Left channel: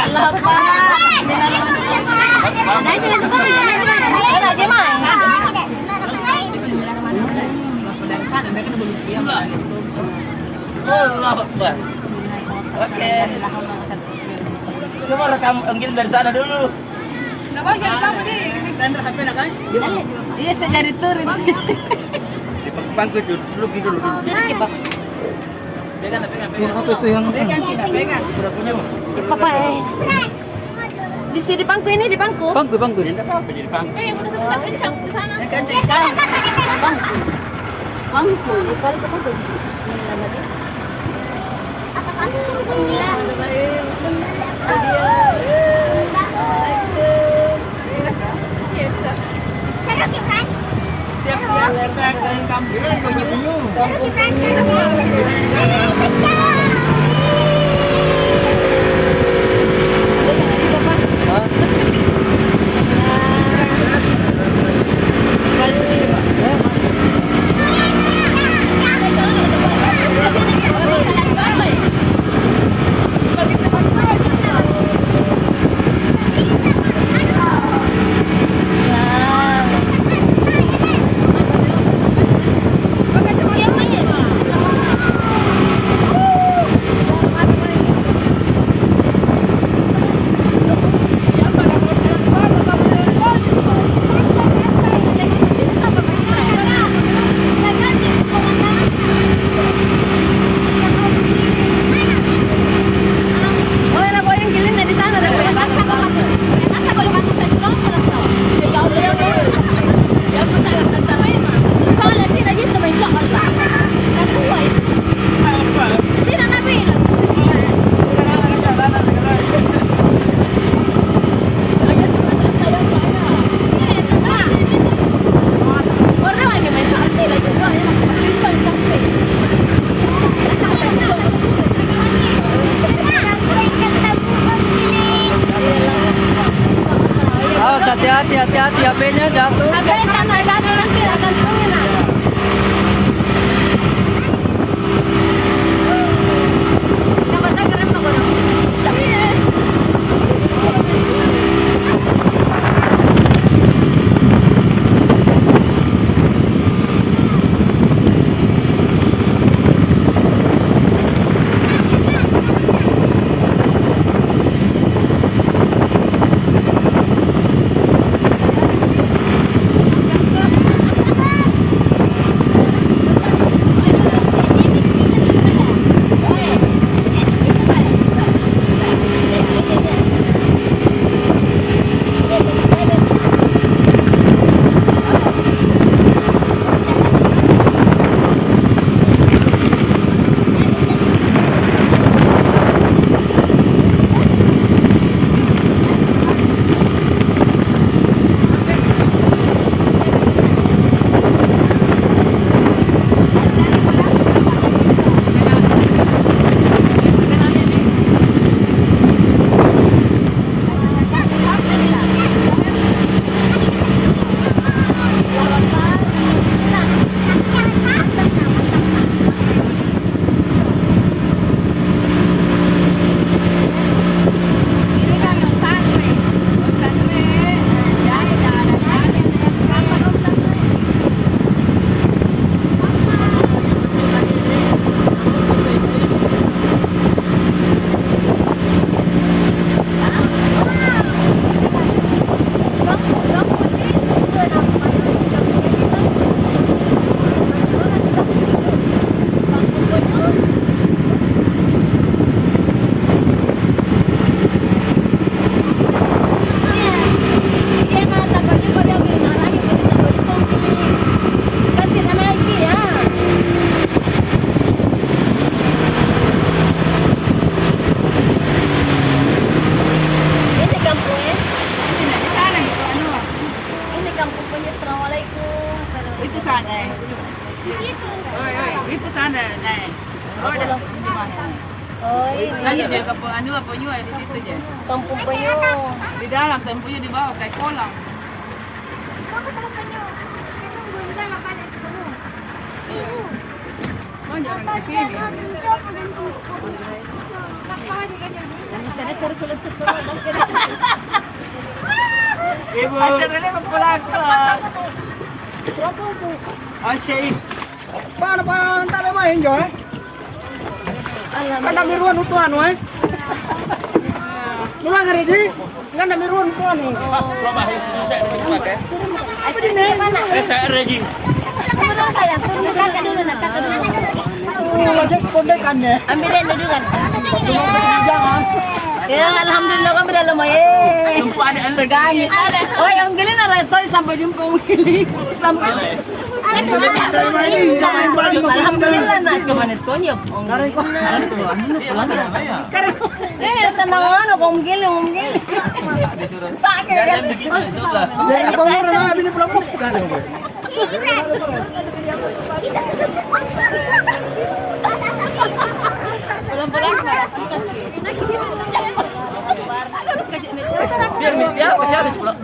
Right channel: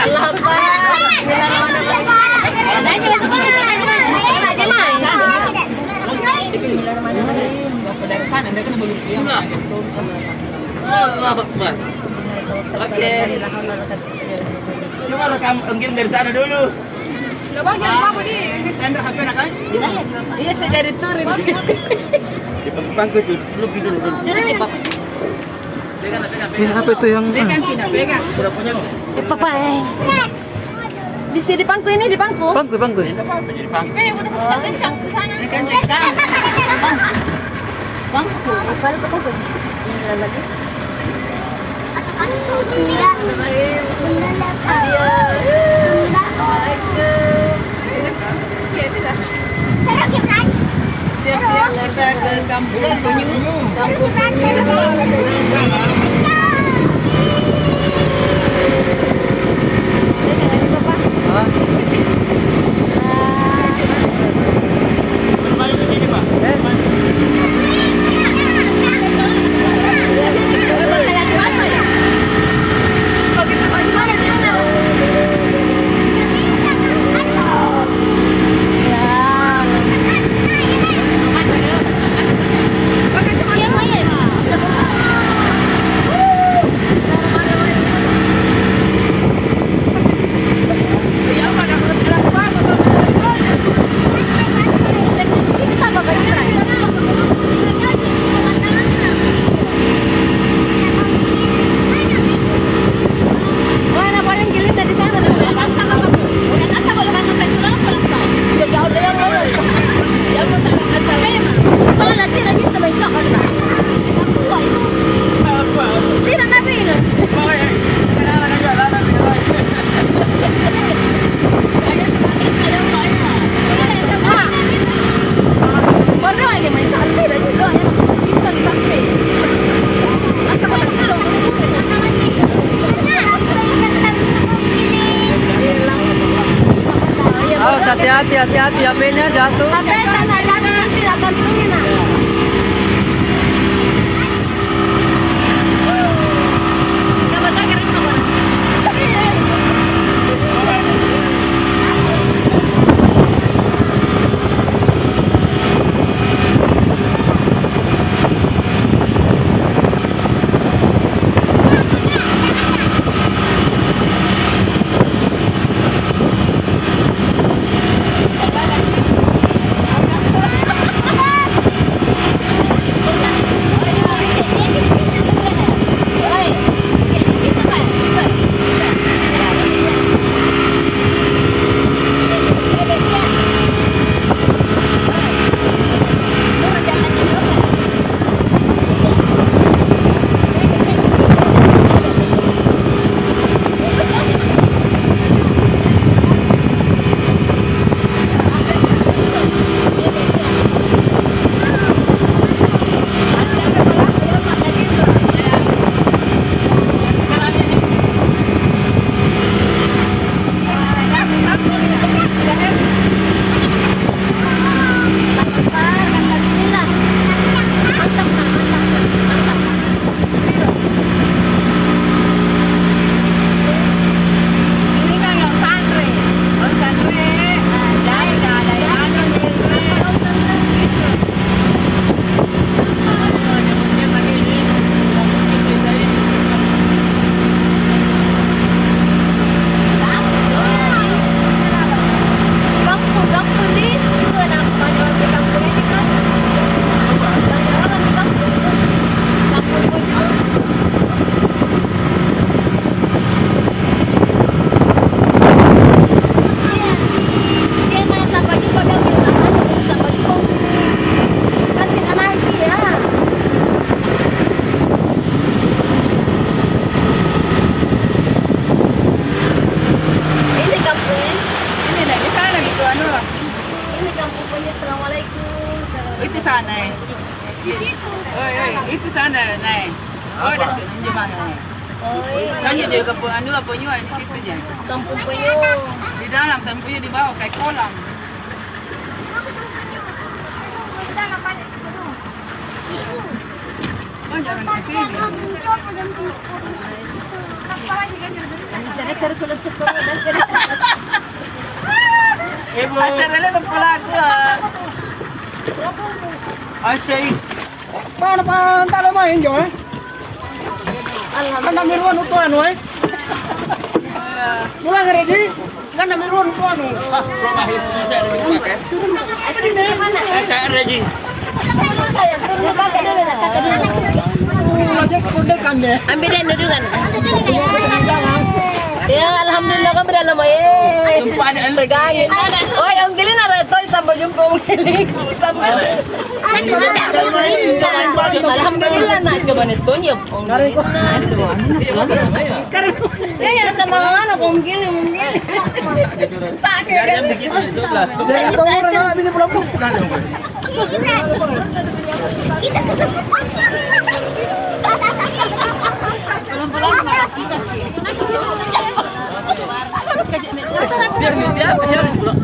Allah Akbar. Allah Akbar. Oke. Coba rekam mungkin dari sana dulu. Iya, saya jadi turis. Bangku dulu dulu. Pegang. Ini apa itu yang Sudah punya kok. Papa di sini pangku ini di pangku. bangku? Pangku. Ipal ke pangku. Bismillah lagi. Siap-siap kita ke Kampung Penyu. Kampung Penyu. Hah? Awas hati-hati HP-nya jatuh. HP tanah jatuh nanti akan tungguin. Dapat akhirnya apa? Itu sana. Di situ. Oh, itu sana, Nay. Oh, di mana? Oh, Kan dia ke anu apa juga di situ je. Kampung Penyu. Di dalam sampai di bawah kayak kolam. Oh, jangan ke sini. Saya kerkulat sekolah dan Ibu. Asal nila magpulag ko. Asyay. Paano pa ang tala mo yun, Joy? Kanda miruan ito ano eh? Mula nga rin eh? Kanda miruan ito ano? Promahin po sa rin pakai. Apa din na yun? Sa ready. Wajak kode kanya. ambil dan dudungan. Ya, alhamdulillah kami dalam eh. Jumpa na ang Regani. Oi, ang giling na rin ito. Sampai jumpa ang giling. Alhamdulillah na. Cuma itu niyo. Ngarin ko. Ini rasa ano kung giling, ang giling. Pakai kan. Jadi apa mo rin na bini pulang po? Pulang-pulang kita. Biar biar apa sih harus pulang.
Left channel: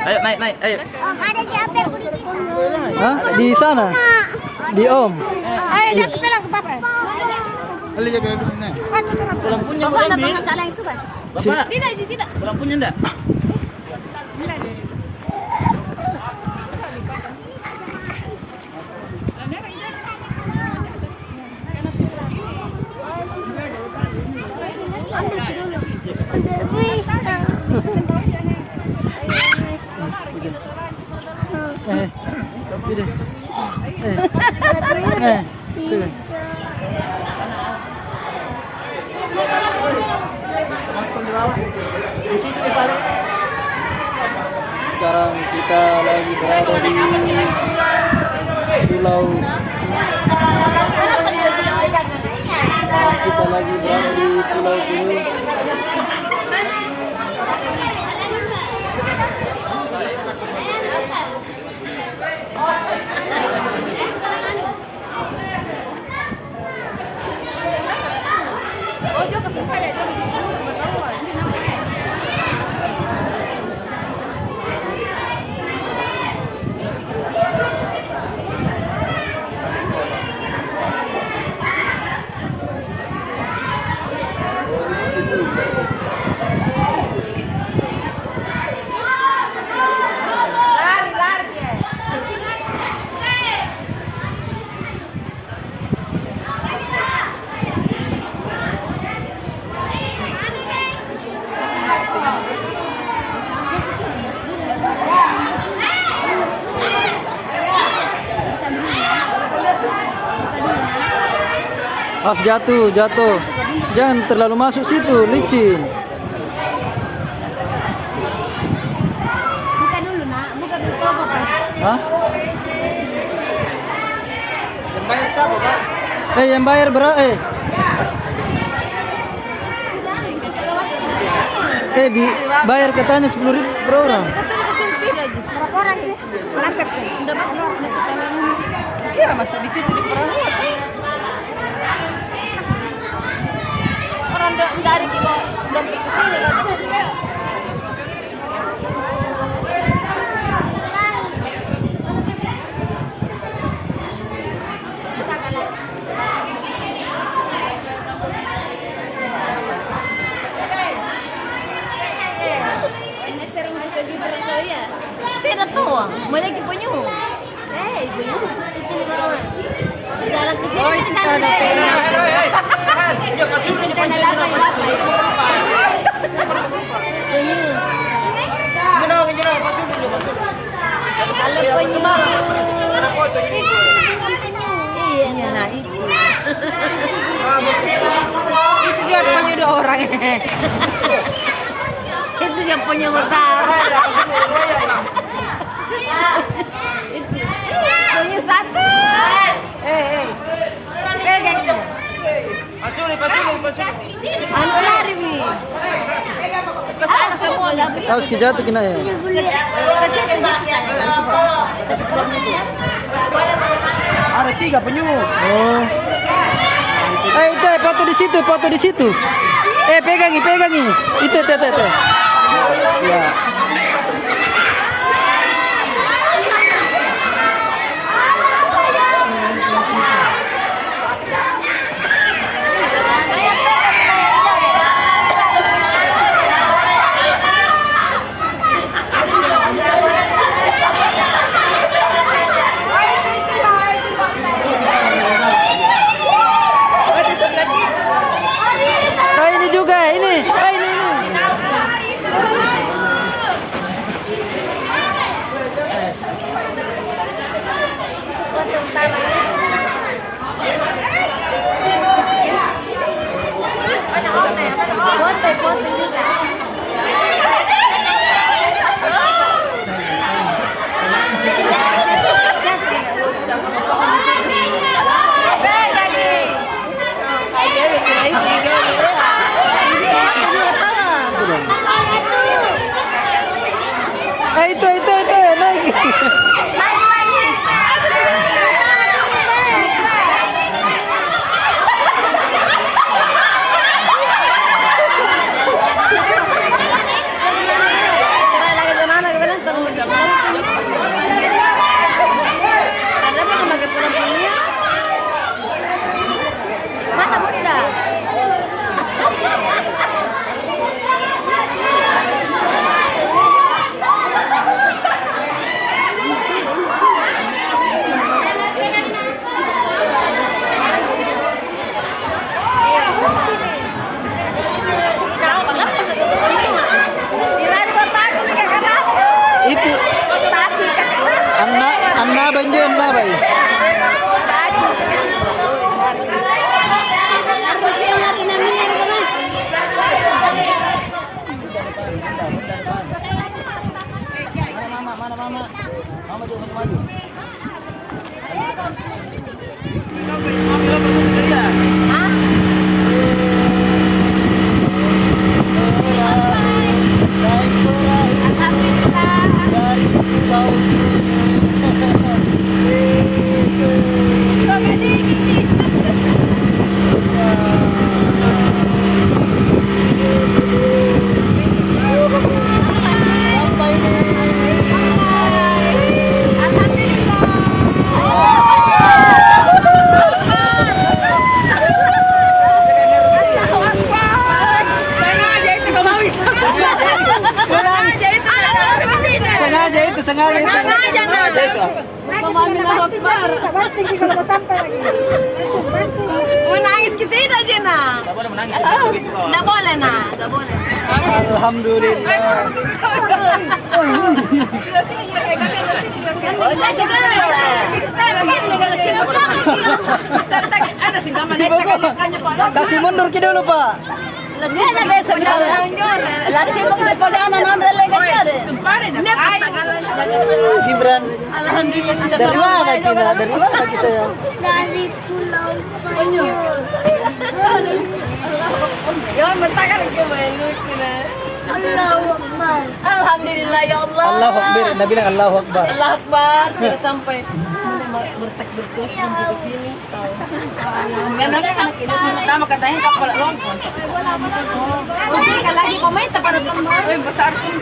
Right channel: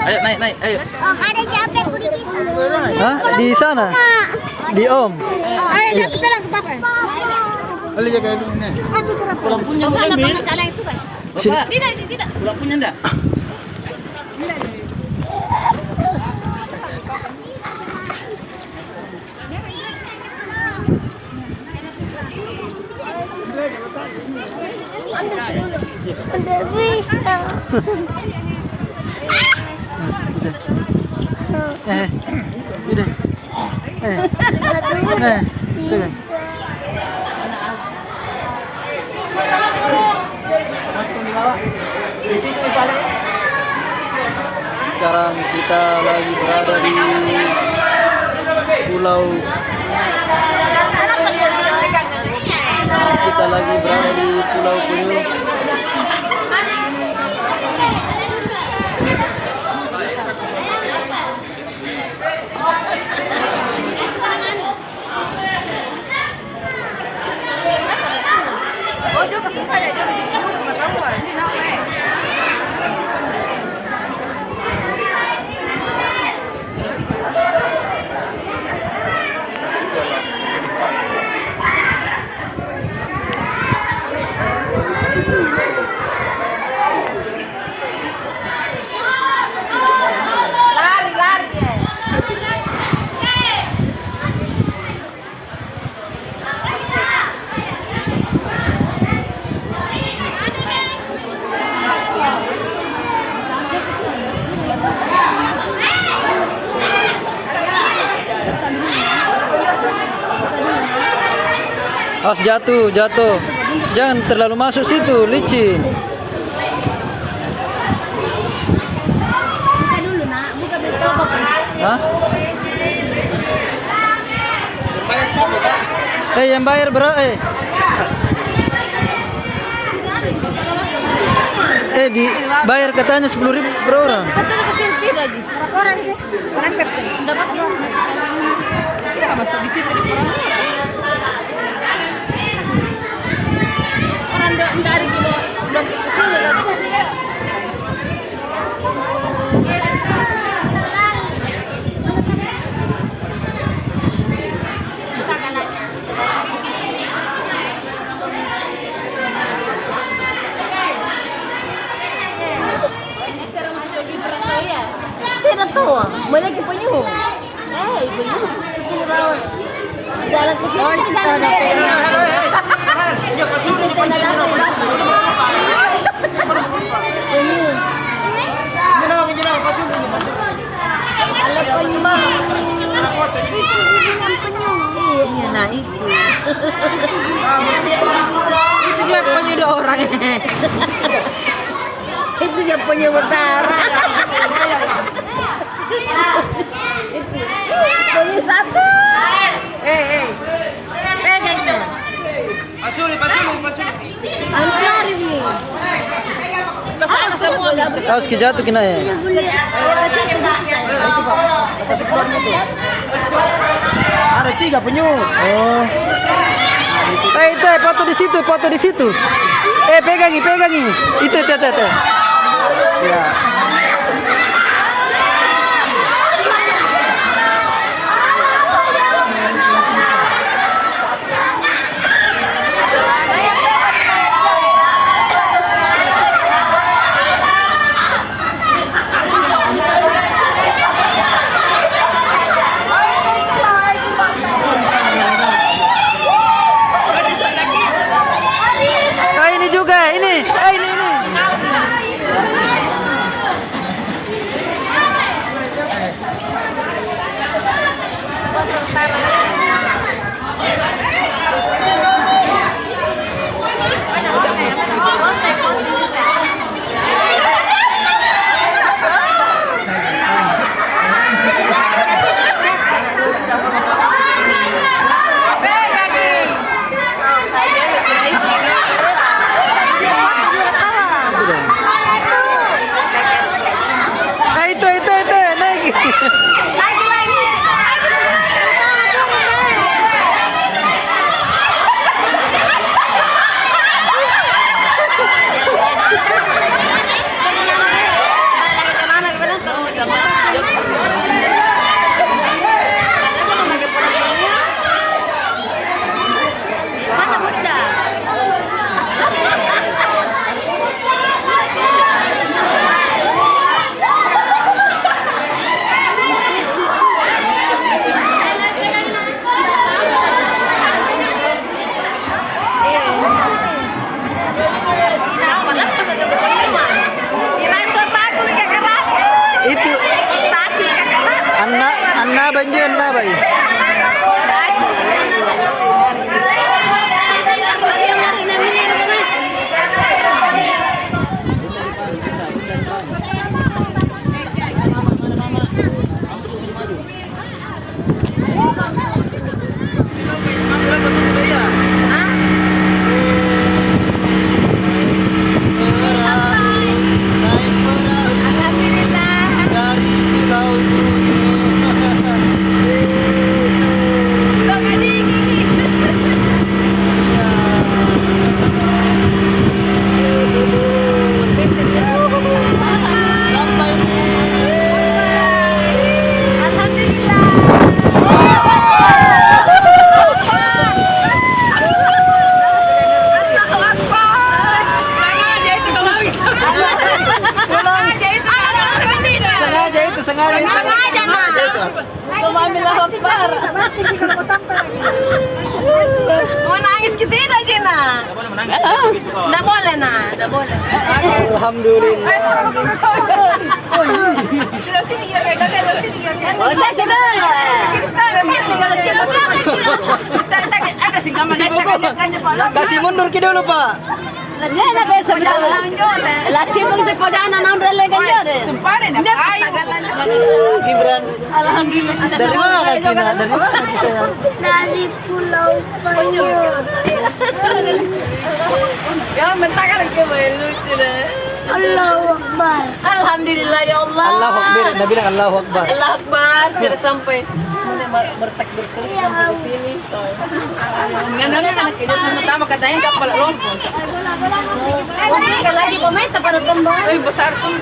Ayo naik. Ayo. Hah? Di sana? Di Om? Ali jaga dulu nih. Pulang punya ambil. Bapak. Tidak. Pulang punya enggak? Udah. Pegang. Sekarang kita lagi berada di pulau. Kita lagi berada di Pulau Penyu. Oh, jo kasupaya, jo kasi matawa. Hindi na ako eh. Awas jatuh. Jangan terlalu masuk situ, licin. Buka dulu nak, buka betul apa? Hah? Yang bayar siapa, Pak? Yang bayar berapa? Dibayar katanya 10.000 per orang. Tidak. Berapa orang sih? Orang Pepsi. Ya, masuk di situ di perang. Orang dari kita belum ke sini lagi. Tidak tahu, mana ibunya? Ibunya itu di bawah. Jalan ke sini kita ada pena. Kita ada apa? Ini. Kalau penyumbang. Iya, nah itu. Itu juga punya 2 orang. Itu juga punya besar. Punya 1. Pegang itu. Pasuli. Anu lari nih. Awas jatuh kena ya. Ada 3 penyu. Oh. Itu foto di situ. Pegangi. Itu. Ya. Labay dyan, labay. Sengaja itu. Nangis kita aja nah. Nggak boleh nah, nggak boleh. Alhamdulillah. Kasih mundur ke dulu, Pak. Gibran. Alhamdulillah. Dari mana Kina? Dari mana lagi sayang? Dari Pulau Banyu. Ya, mentakan ke lucu deh. Allahu Akbar. Alhamdulillah ya Allah. Allahu Akbar. Nabi bilang Allahu Akbar. Allahu Akbar. Sudah sampai mulai bertakbir terus sampai ke sini. Maganda anak ini pertama katanya kapal lompon. Sekali lagi pemerintah pada pembangunan. Oy, besar tuh.